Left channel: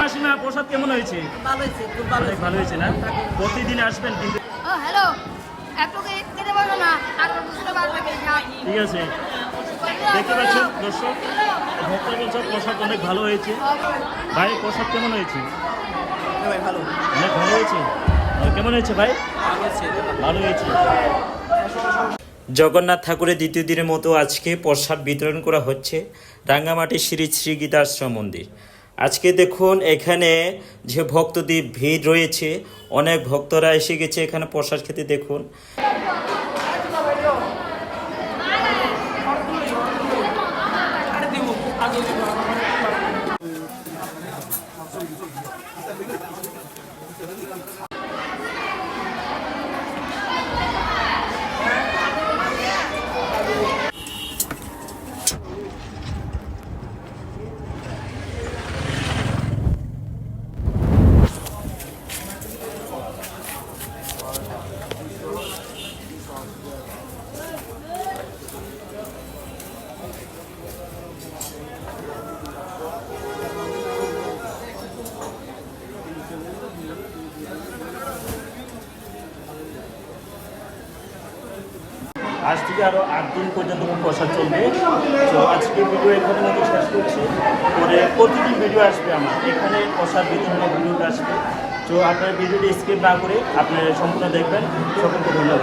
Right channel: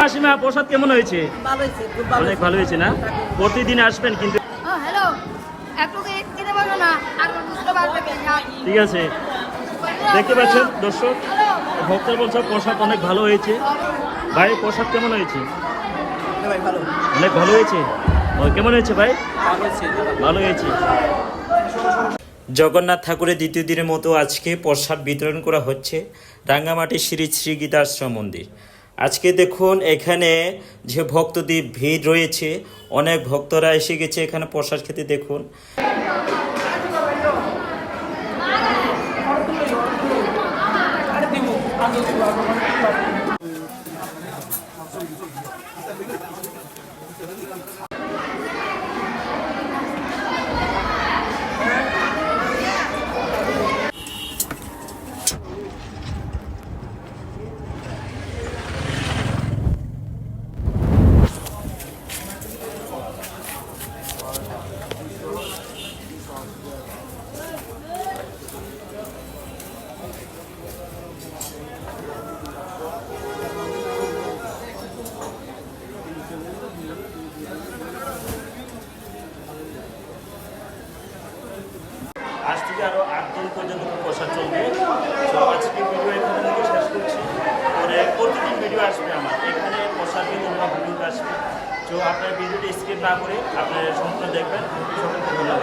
মাসিমা প্রসাদ কেমন হয়েছে? ভালো হয়েছে খুব ভালো অনেক ভালো হয়েছে না? প্রতিদিন আসবেন কিন্তু হ্যালো। না। ঠিক আছে। দেখতে পাচ্ছেন দর্শক ভক্তরা বলছে প্রসাদ অনেক ভালো হয়েছে। ভাই প্রসাদ কেমন হয়েছে? ভালো। অনেক ভালো হয়েছে? কেমন হয়েছে ভাই? ভালো হয়েছে। জগন্নাথ ঠাকুরের দ্বিতীয় দিনের মতো আজকে প্রসাদ বিতরণ করা হচ্ছে রাঙ্গামাটি শ্রী শ্রী গীতাশ্রম মন্দির। আজকে দেখুন এখানে যে ভক্তদের ভিড় রয়েছে, অনেক ভক্তরা এসে গেছে এখানে প্রসাদ খেতে, দেখুন। আজ থেকে আরও আট দিন পর্যন্ত প্রসাদ চলবে। তো আজকে ভিডিও এখানে মতো শেষ করছি। পরে প্রতিদিন ভিডিও আসবে আমার। এখানে প্রসাদ বিতরণের ভিডিওটা আসবে। তো আপনার ভিডিওটি স্কিপ না করে আপনারা সম্পূর্ণ দেখবেন। সকলকে ধন্যবাদ।